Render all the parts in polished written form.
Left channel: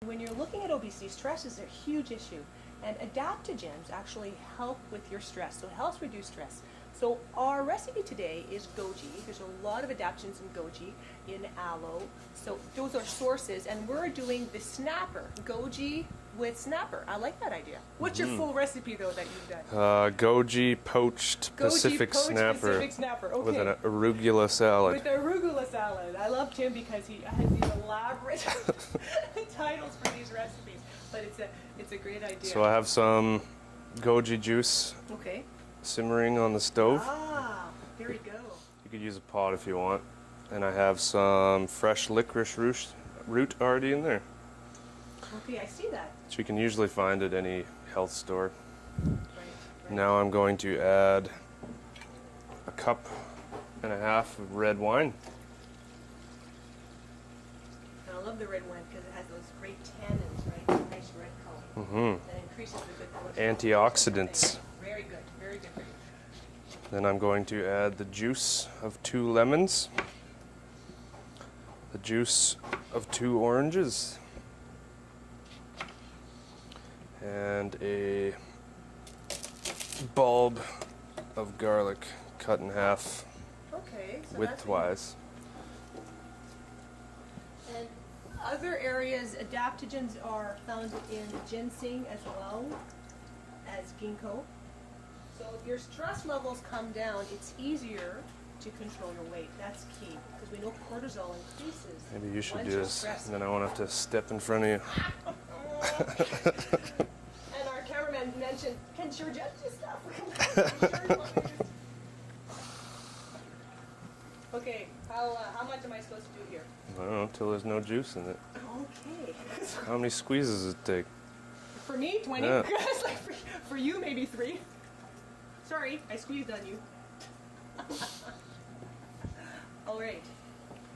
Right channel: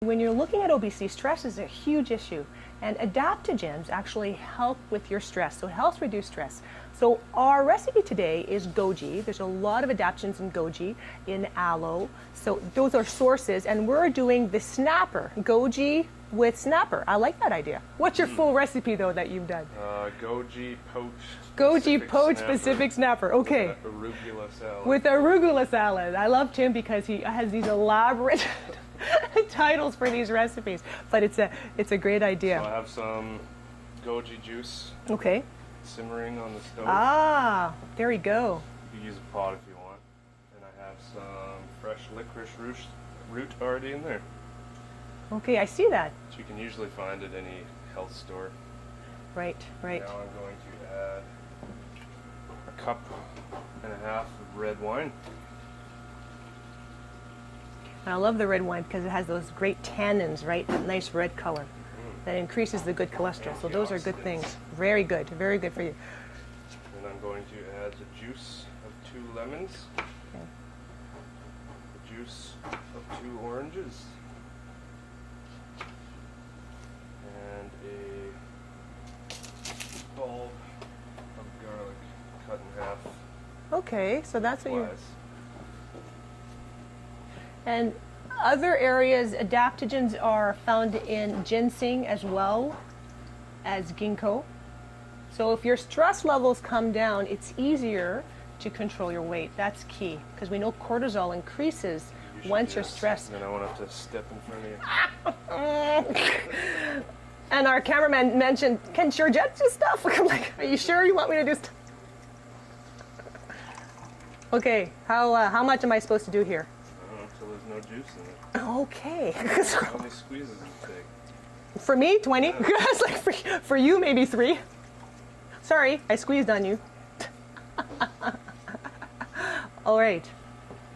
When you're looking at obesity, stress is a huge issue, and adaptogens actually help with your stress, so it helps reduce stress. So our recipe today is goji. There's a lot of adaptogens in goji, in aloe, so those are sources, and we're doing the snapper, goji with snapper. I like that idea. What's your full recipe though that you've done? Goji poached Goji Pacific poached snapper Pacific snapper. Okay. with an arugula salad. With arugula salad. I love Tim because he has these elaborate titles for these recipes, but it's a great idea. So I have some goji juice Okay. simmering on the stove. Ah, there we go. You could use a pot if you want. And I have some fresh licorice root already in there. Okay, I see that. So you can usually find at any health store. Right, right. Now I'm going to add a cup and a half of red wine. I love the red wine because it has those great tannins, right? That nice red color. That increases the good cholesterol. So those are good Antioxidants. things. Very good for you. Then I'm going to add the juice of 2 lemons, the juice of 2 oranges, and a bulb of garlic cut in half. Okay, so that's what you... widthwise. And other areas, adaptogens are found in ginseng as well as ginkgo. So if your stress levels come down, it's easier to control your weight. That's key, because we know cortisol increases Maybe you should once do you're this, stressed. and then I won't have to step in front of you. And our cameraman mentioned, can Georgette do stuff? I'm like, are you sure you want me to do stuff? Okay, how much am I supposed to do here? I don't know, until there's no juice in it. Okay. How many squeezes does it take? For me, 20. Yeah. It's like for you, maybe 3. Sorry, I squeezed on you. All right.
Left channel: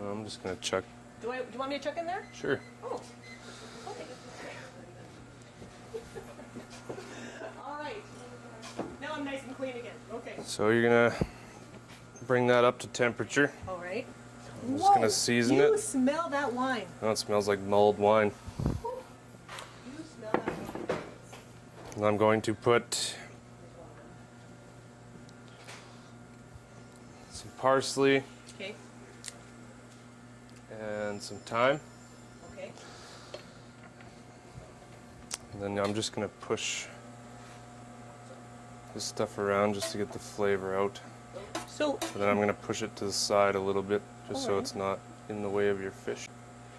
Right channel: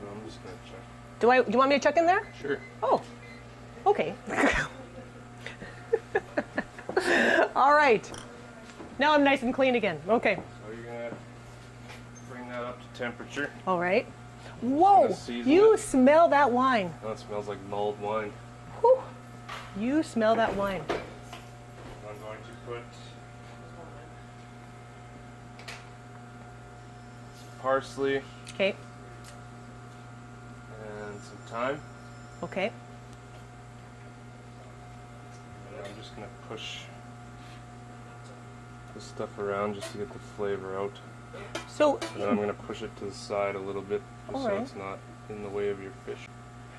Well, I'm just gonna chuck. Do you want me to chuck in there? Sure. Oh, okay. All right. Now I'm nice and clean again. Okay. So you're gonna bring that up to temperature. All right. just Whoa! gonna season You it. smell that wine. Oh, it smells like mulled wine. Whew. You smell that wine. And I'm going to put some parsley Okay. and some thyme. Okay. And then I'm just going to push this stuff around just to get the flavor out. So, And then I'm going to push it to the side a little bit just so Alright. it's not in the way of your fish.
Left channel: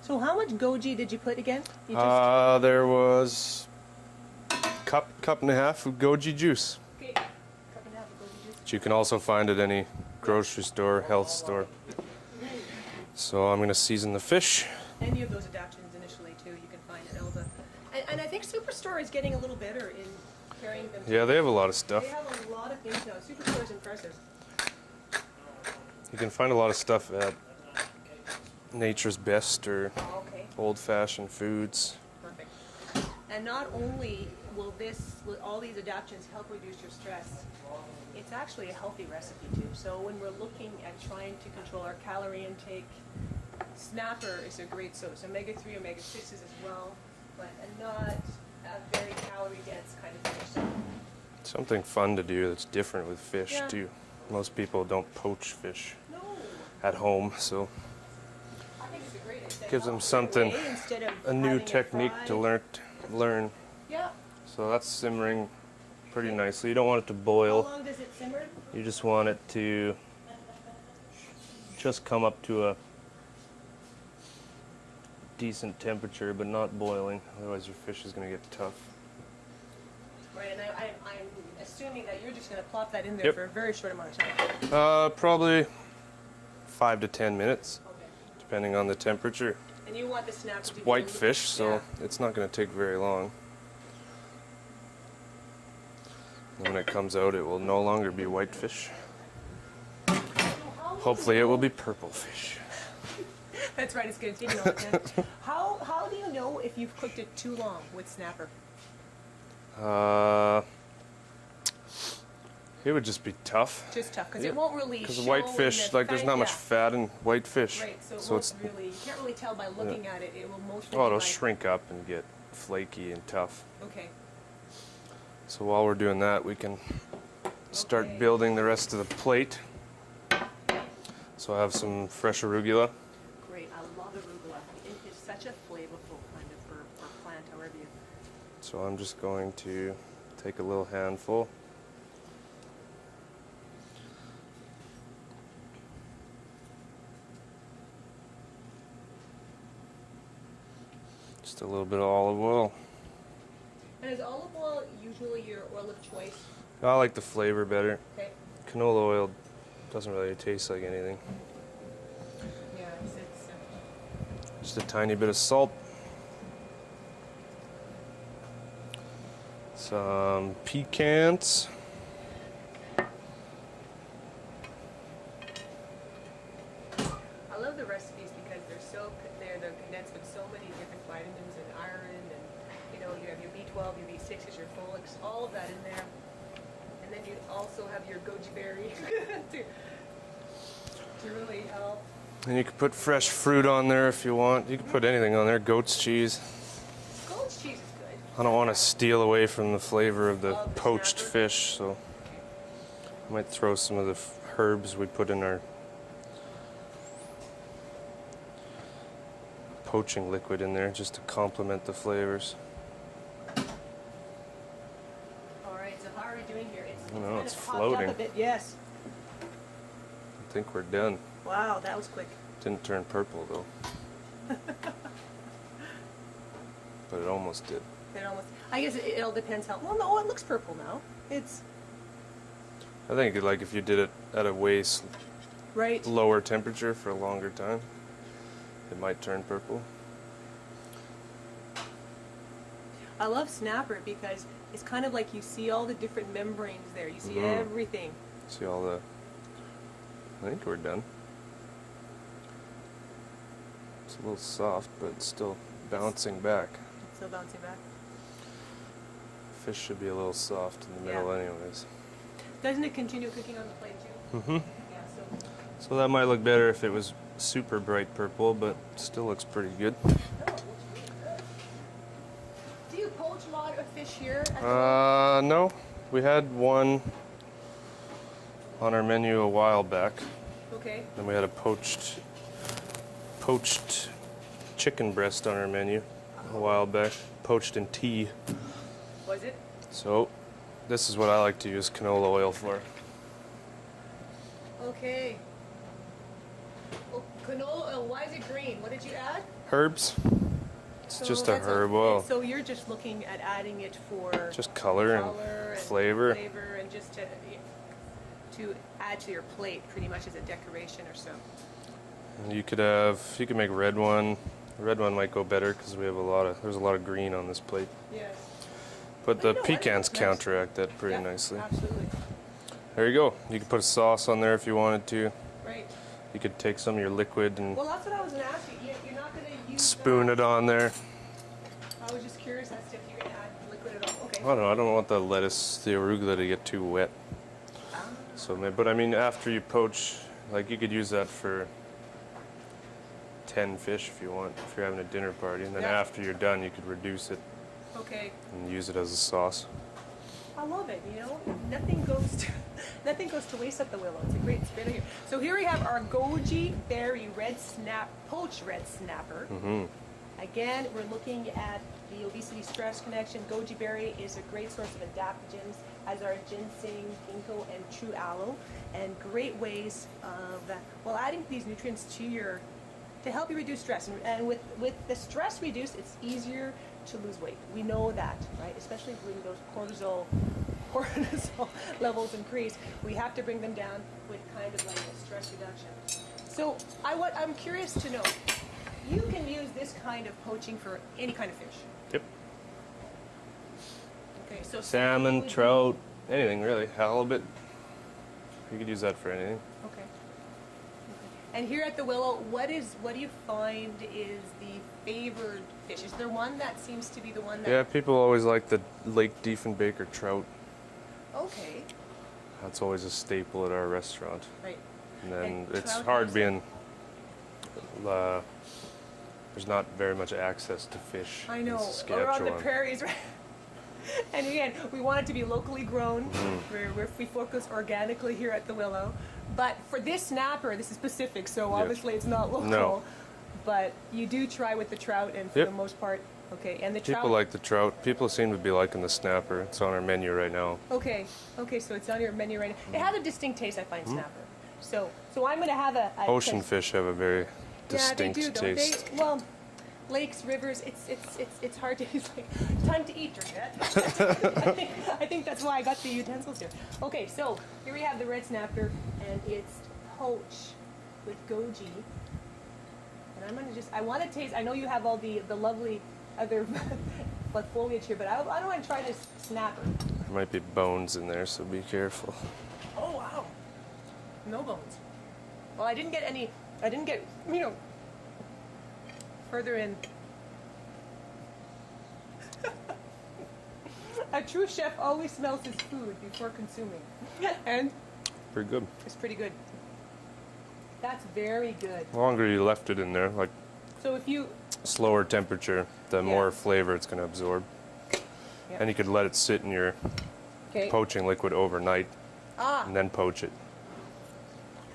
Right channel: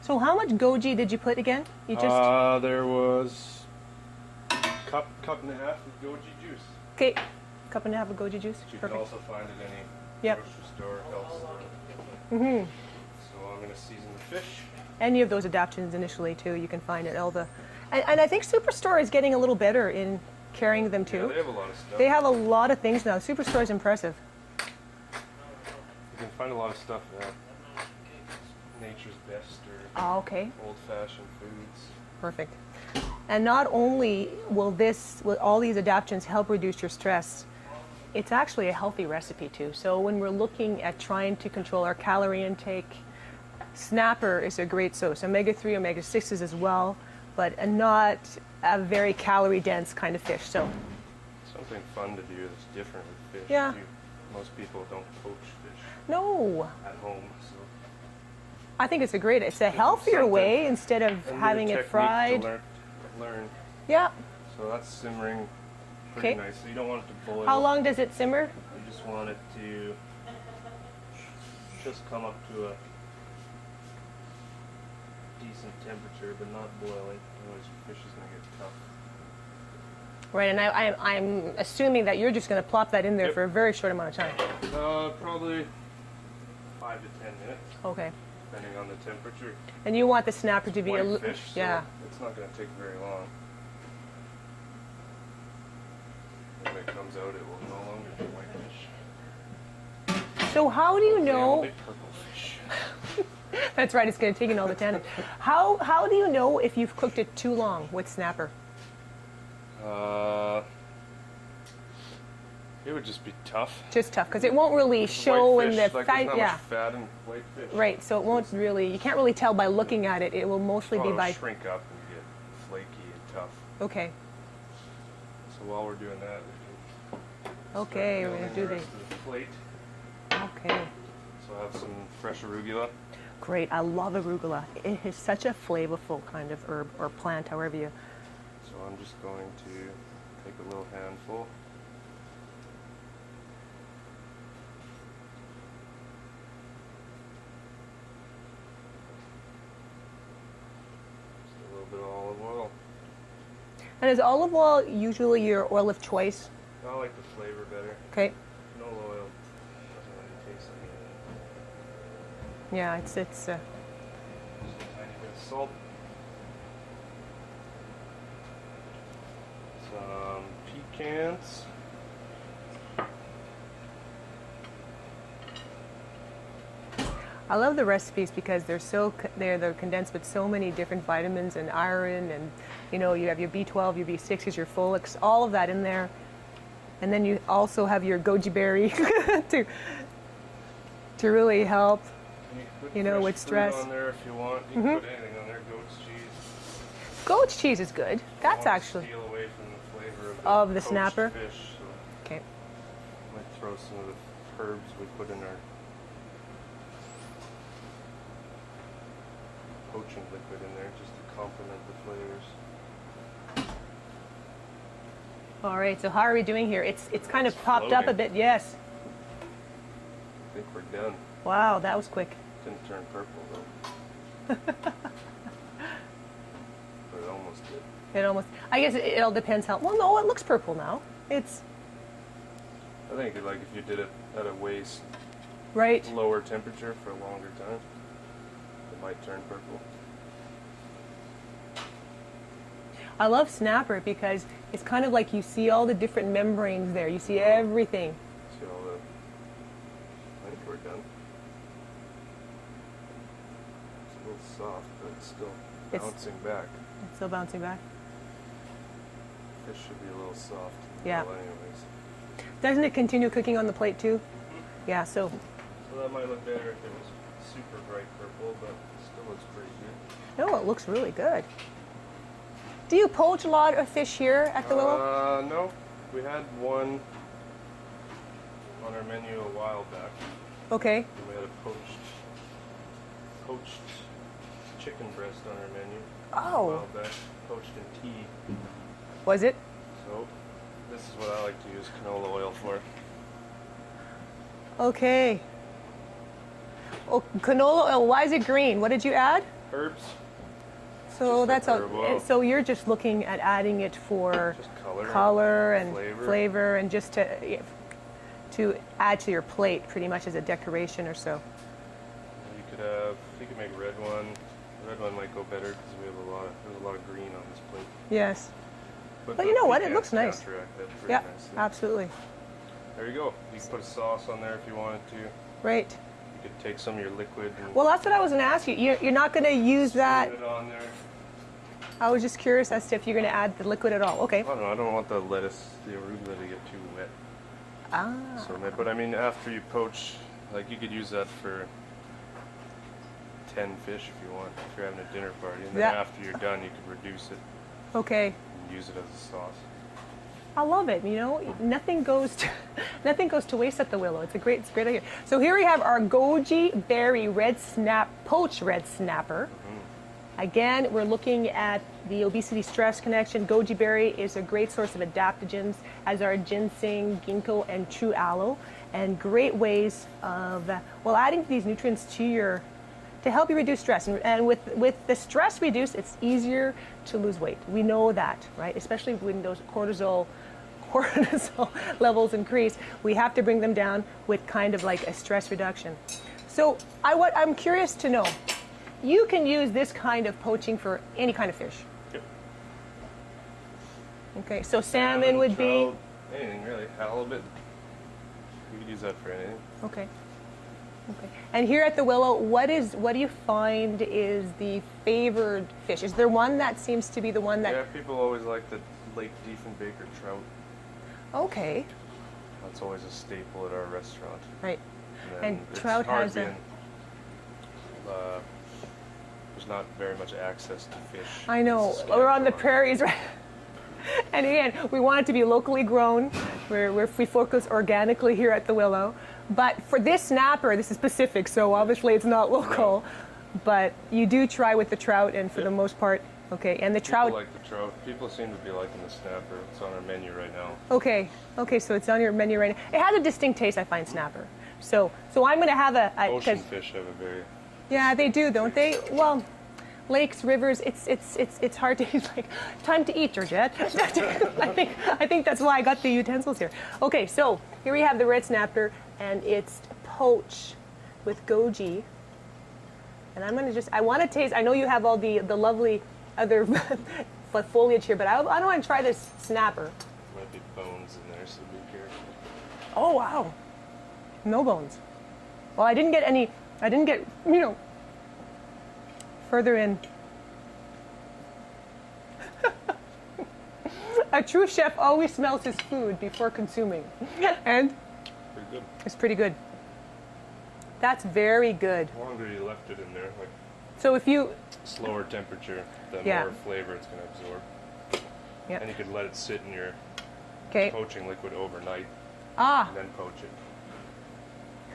so how much goji did you put again? You just There was cup and a half of goji juice, okay. Cup and a half of goji juice. which you can also find at any grocery store, health store. So I'm going to season the fish. Any of those adaptogens initially too, you can find at all the, and I think Superstore is getting a little better in carrying them too. Yeah, they have a lot of stuff. They have a lot of things now. Superstore is impressive. You can find a lot of stuff at Nature's Best or Oh, okay, Old Fashioned Foods. perfect. And not only will all these adaptogens help reduce your stress, it's actually a healthy recipe too. So when we're looking at trying to control our calorie intake, snapper is a great source. Omega-3, omega-6s as well, but not a very calorie dense kind of fish. So Something fun to do that's different with fish Yeah. too. Most people don't poach fish no, at home, so I think it's a Gives them healthier something- way instead of a new having it technique fried. to learn. Yeah. So that's simmering pretty Okay. nicely. You don't want it to boil. How long does it simmer? You just want it to just come up to a decent temperature, but not boiling. Otherwise, your fish is going to get tough. Right, and I'm assuming that you're just going to plop that in there Yep. for a very short amount of time. Probably 5 to 10 minutes, Okay. depending on the temperature. And you want the snapper to be White fish, so yeah. it's not going to take very long. When it comes out, it will no longer be white fish. So how do you Hopefully, know? it will be purple fish. That's right. It's going to take you all the time. How do you know if you've cooked it too long with snapper? It would just be tough. Just tough, because it won't really 'Cause show white in fish, the like there's not yeah. much fat in white fish. Right, so it won't really, you can't really tell by looking at it. It will mostly be it'll by... shrink up and get flaky and tough. Okay. So while we're doing that, we can start Okay, building the okay. rest of the plate. Okay. So I have some fresh arugula. Great. I love arugula. It is such a flavorful kind of herb or plant, however you... So I'm just going to take a little handful. Just a little bit of olive oil. And is olive oil usually your oil of choice? I like the flavor better. Okay. Canola oil doesn't really taste like anything. Yeah, it's Just a tiny bit of salt. Some pecans. I love the recipes because they're condensed with so many different vitamins and iron, and you know, you have your B12, your B6s, your folics, all of that in there. And then you also have your goji berry to really help. And you can put You know, fresh with fruit stress. on there if you want. You can put anything on there. Goat's cheese. Goat's cheese is good. I don't want to actually- steal away from the flavor of the poached snapper? fish, so Okay. I might throw some of the herbs we put in our poaching liquid in there just to complement the flavors. All right. So how are we doing here? It's know, kind it's of popped up a floating. bit. Yes. I think we're done. Wow, that was quick. Didn't turn purple though. But it almost did. It almost. I guess it all depends how. Well, no, it looks purple now. It's I think like if you did it at a way right. lower temperature for a longer time, it might turn purple. I love snapper because it's kind of like you see all the different membranes there. You see everything. See all the... I think we're done. It's a little soft, but it's still bouncing back. It's still bouncing back. Fish should be a little soft in the Yeah. middle anyways. Doesn't it continue cooking on the plate too? Mm-hmm. Yeah, so So that might look better if it was super bright purple, but still looks pretty good. no, it looks really good. Do you poach a lot of fish here at the Willow? No. We had one on our menu a while back. Okay. And we had a poached chicken breast on our menu a Oh. while back. Poached in tea. Was it? So this is what I like to use canola oil for. Okay. Oh, canola oil. Why is it green? What did you add? Herbs. It's So just a that's herb oil. So you're just looking at adding it for Just color and flavor. and just to add to your plate, pretty much as a decoration or so. You could make red one. Red one might go better because there's a lot of green on this plate. Yes. But But the you know what? It pecans looks nice. counteract that pretty Yeah, nicely. absolutely. There you go. You could put a sauce on there if you wanted to. Right. You could take some of your liquid and Well, that's what I was going to ask you. You're not going to use spoon that. it on there. I was just curious as to if you're going to add the liquid at all. Okay. I don't know. I don't want the arugula to get too wet. Ah. So, but I mean, after you poach, like you could use that for 10 fish if you want, if you're having a dinner party. And then Yeah. after you're done, you could reduce it Okay. and use it as a sauce. I love it. You know, nothing goes to waste at the Willow. It's great idea. So here we have our goji berry poached red snapper. Again, we're looking at the obesity stress connection. Goji berry is a great source of adaptogens, as are ginseng, ginkgo, and true aloe, and great ways of adding these nutrients to help you reduce stress. And with the stress reduced, it's easier to lose weight. We know that, right? Especially when those cortisol levels increase, we have to bring them down with kind of like a stress reduction. So I'm curious to know, you can use this kind of poaching for any kind of fish. Yep. Okay, so salmon would trout, anything really. Halibut. You could use that for anything. be okay. And here at the Willow, what do you find is the favored fish? Is there one that seems to be the one that? Yeah, people always like the Lake Diefenbaker trout. Okay. That's always a staple at our restaurant. Right. And then And it's trout hard has being, there's not very much access to fish. I in know. We're on the Saskatchewan. prairies, right? And again, we want it to be locally grown. We focus organically here at the Willow. But for this snapper, this is Pacific, so obviously it's not local. No. But you do try with the trout, and for Yep. the most part, okay. And the trout. People like the trout. People seem to be liking the snapper. It's on our menu right now. Okay, so it's on your menu right now. It has a distinct taste, I find, snapper. So I'm going to have a Ocean 'cause- fish have a very Yeah, they do, distinct don't taste. they? Well, lakes, rivers, it's hard to. It's like time to eat, Georgette. I think that's why I got the utensils here. Okay, so here we have the red snapper, and it's poached with goji. And I'm gonna I want to taste. I know you have all the lovely other foliage here, but I don't want to try this snapper. There might be bones in there, so be careful. Oh wow, no bones. Well, I didn't get any. I didn't get further in. A true chef always smells his food before consuming, and Pretty good. it's pretty good. That's very good. The longer you left it in there, like So if you, slower temperature, the Yeah. more flavor it's going to absorb. Yep. And you could let it sit in your okay, poaching liquid overnight and then poach it.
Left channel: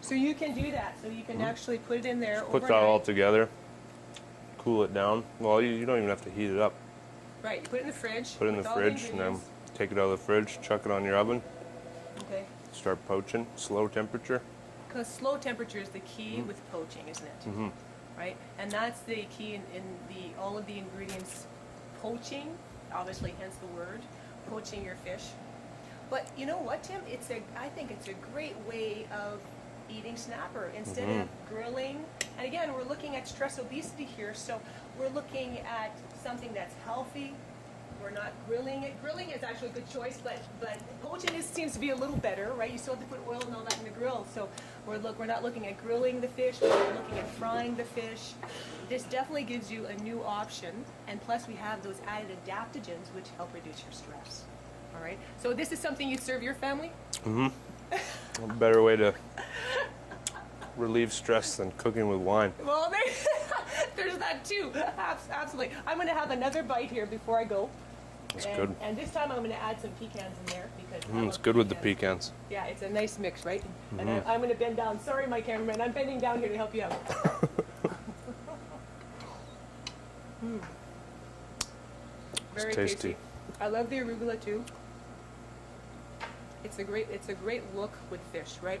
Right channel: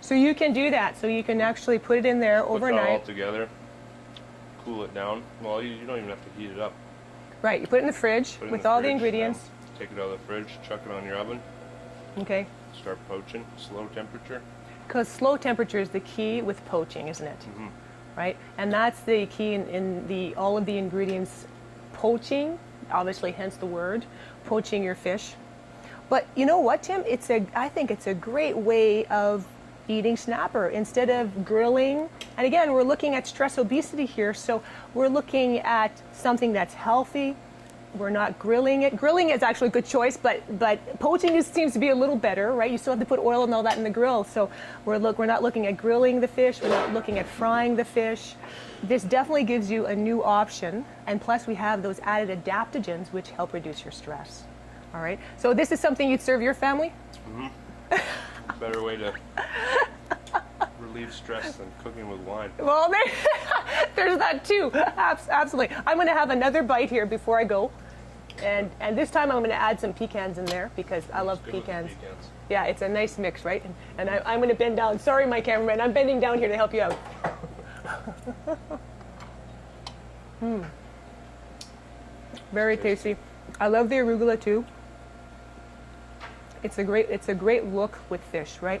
so you can do that. So you can actually put it in there Put that all overnight. together, cool it down. Well, you don't even have to heat it up. Right, you put it in the fridge Put it in with the all fridge, the ingredients. then take it out of the fridge, chuck it on your oven, Okay, start poaching, slow temperature. because slow temperature is the key with poaching, isn't it? Right, and that's the key in the all of the ingredients poaching. Obviously, hence the word poaching your fish. But you know what, Tim? I think it's a great way of eating snapper instead of grilling. And again, we're looking at stress obesity here, so we're looking at something that's healthy. We're not grilling it. Grilling is actually a good choice, but poaching seems to be a little better, right? You still have to put oil and all that in the grill. So we're not looking at grilling the fish. We're not looking at frying the fish. This definitely gives you a new option, and plus we have those added adaptogens which help reduce your stress. All right. So this is something you'd serve your family? A better way to relieve stress than cooking with wine. Well, there's that too. Absolutely. I'm going to have another bite here before I go. good. And this time I'm going to add some pecans in there because I love It's good pecans. with the pecans. Yeah, it's a nice mix, right? And I'm going to bend down. Sorry, my cameraman. I'm bending down here to help you out. Very tasty. tasty. I love the arugula too. It's a great look with fish, right?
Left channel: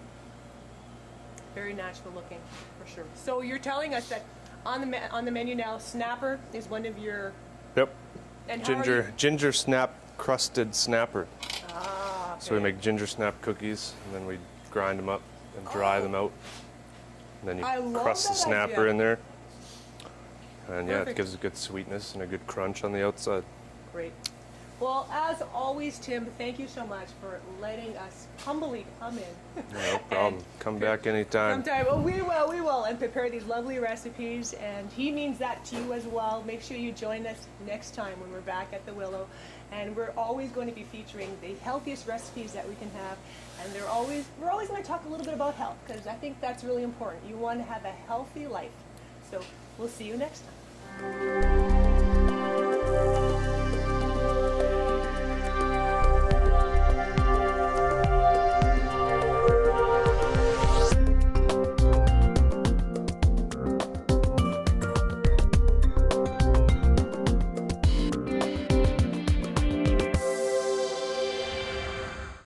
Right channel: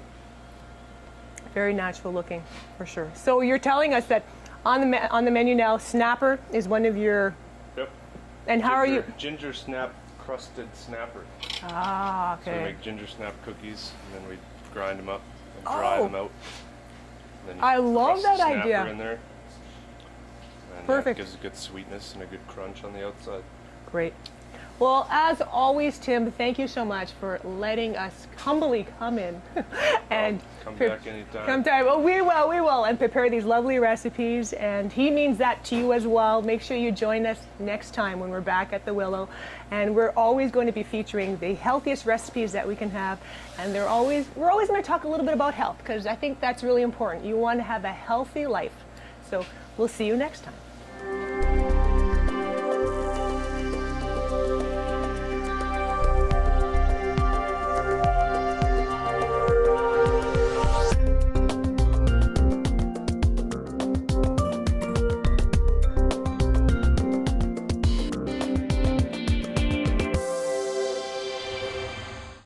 Very natural looking, for sure. So you're telling us that on the menu now, snapper is one of your. Yep. And how are you? Ginger snap crusted snapper. Ah, okay. So we make ginger snap cookies, and then we grind them up and dry them out. And then you I love crust the that snapper idea. in there. And yeah, it Perfect. gives a good sweetness and a good crunch on the outside. Great. Well, as always, Tim, thank you so much for letting us humbly come in. Come back anytime. Well, we will, and prepare these lovely recipes. And he means that to you as well. Make sure you join us next time when we're back at the Willow. And we're always going to be featuring the healthiest recipes that we can have. And we're always going to talk a little bit about health, because I think that's really important. You want to have a healthy life. So we'll see you next time.